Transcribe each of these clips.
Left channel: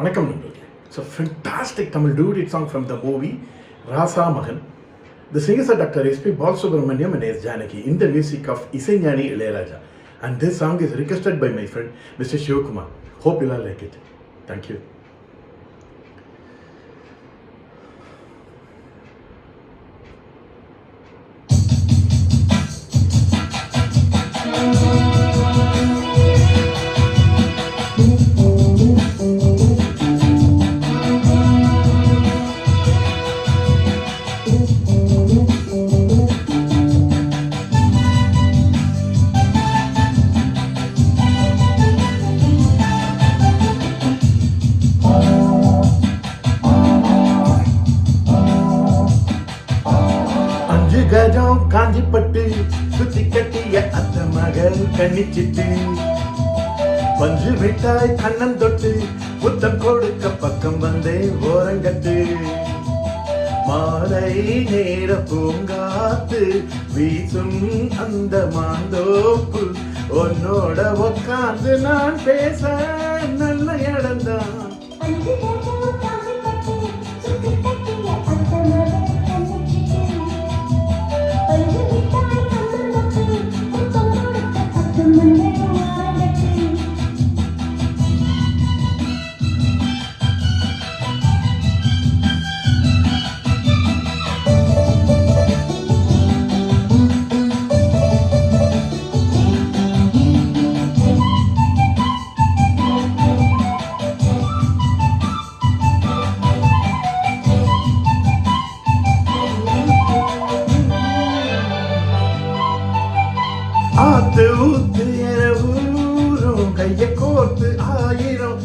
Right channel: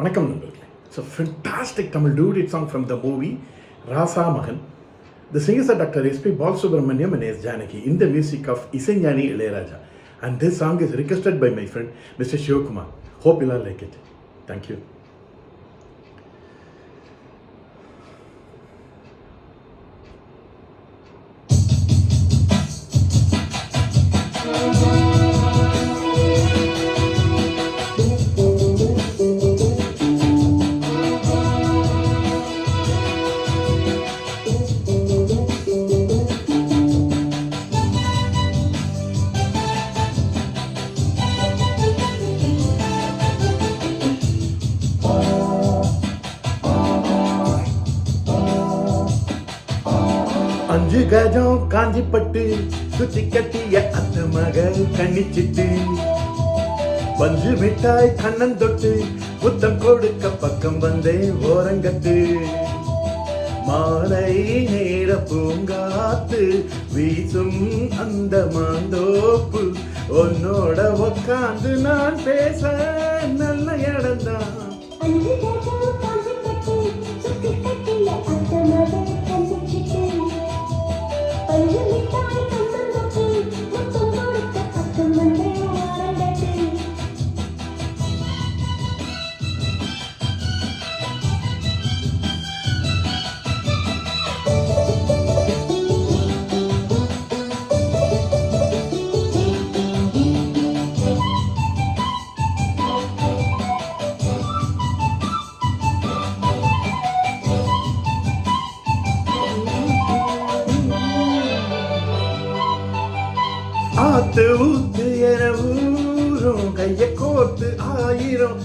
வணக்கம் நண்பர்களே. It's a fantastic Tamil duet song from the movie Rasa Magan. The singers are Dr. S.P. Balasubramaniam and S. Janaki in the music of Isaignani Ilayaraja. And this song is requested by my friend Mr. Shivakumar. Hope you'll all like it. Thank you. அஞ்சு கஜம் காஞ்சிப்பட்டு சுத்தி கட்டிய அத்த மகள் கண்ணிச்சிட்டு பஞ்சு மிட்டாய் கண்ணன் தொட்டு புத்தம் கொடுக்க பக்கம் வந்தே ஓரங்கட்டு மாலை நேர பூங்காத்து வீசும் அந்த மாந்தோப்பு உன்னோட உக்காந்து நான் பேச நல்ல இடம்தான். ஆத்து ஊத்து என ஊரும் கைய கோர்த்து ஆயிரம்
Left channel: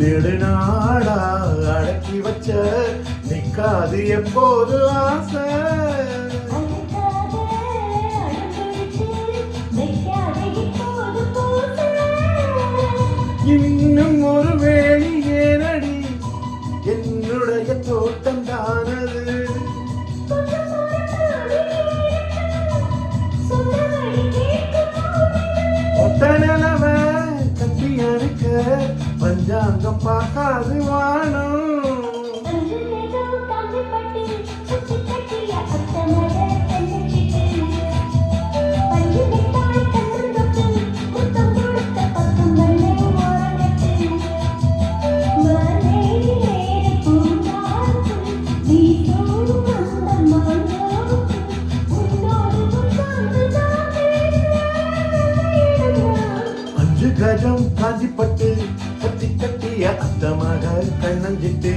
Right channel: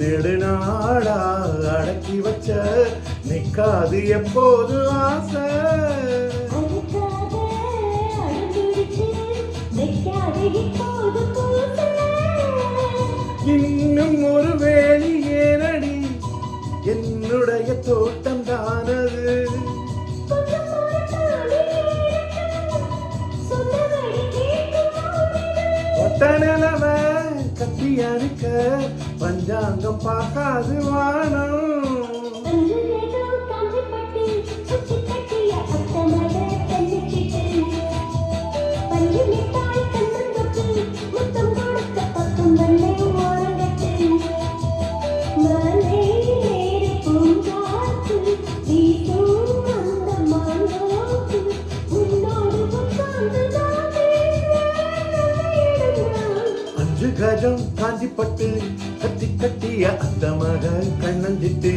நெடுநாடா அடக்கி வச்ச நிக்காது எப்போது ஆசை. இன்னும் ஒரு வேணி ஏனடி என்னுடைய தோட்டம் தானது. ஒட்ட நிலவ கத்தி அறுக்க பஞ்சாங்கம் பார்க்காது வானம். அஞ்சு கஜம் காஞ்சிப்பட்டு கத்தி கட்டிய அத்த மகள் கண்ணஞ்சிட்டு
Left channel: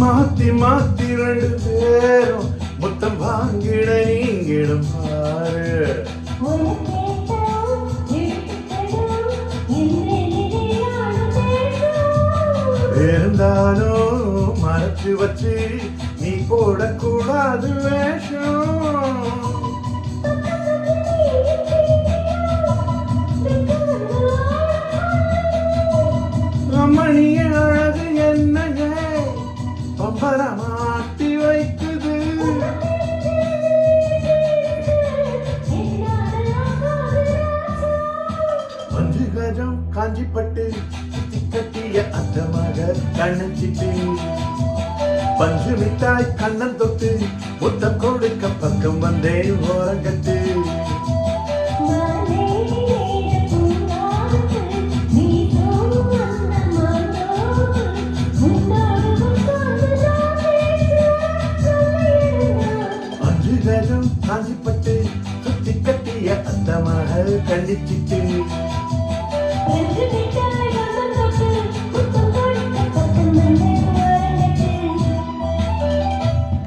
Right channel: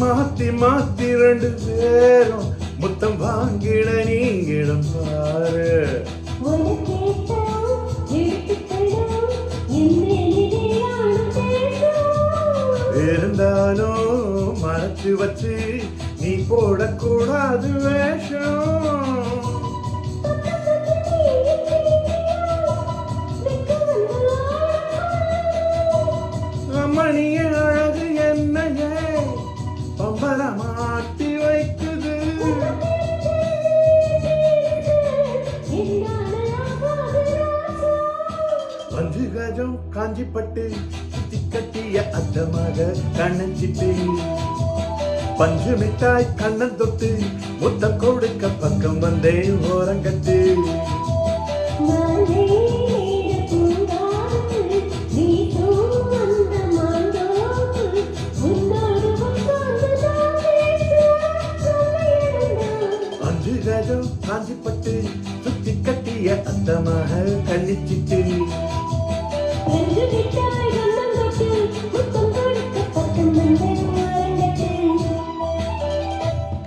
மாத்தி மாத்தி ரெண்டு பேரும் முத்தம் வாங்கிட நீங்கிடும் பாரு. இருந்தாலும் மறைச்சு வச்சு நீ போடக்கூடாது வேஷம். ரமணிய அழகு என்னங்க பம்பர மாட்டி வைக்குது. அஞ்சு கஜம் காஞ்சிப்பட்டு சுத்தி கட்டிய அத்த மக கண்ணச்சிட்டு பஞ்சு மிட்டாய் கண்ணன் தொட்டு முத்தம் கொடுக்க பக்கம் வந்தே ஓரங்கட்டு. காஞ்சிப்பட்டு சுத்தி கட்டிய அத்த மகள் கண்ணிச்சிட்டு Thank you.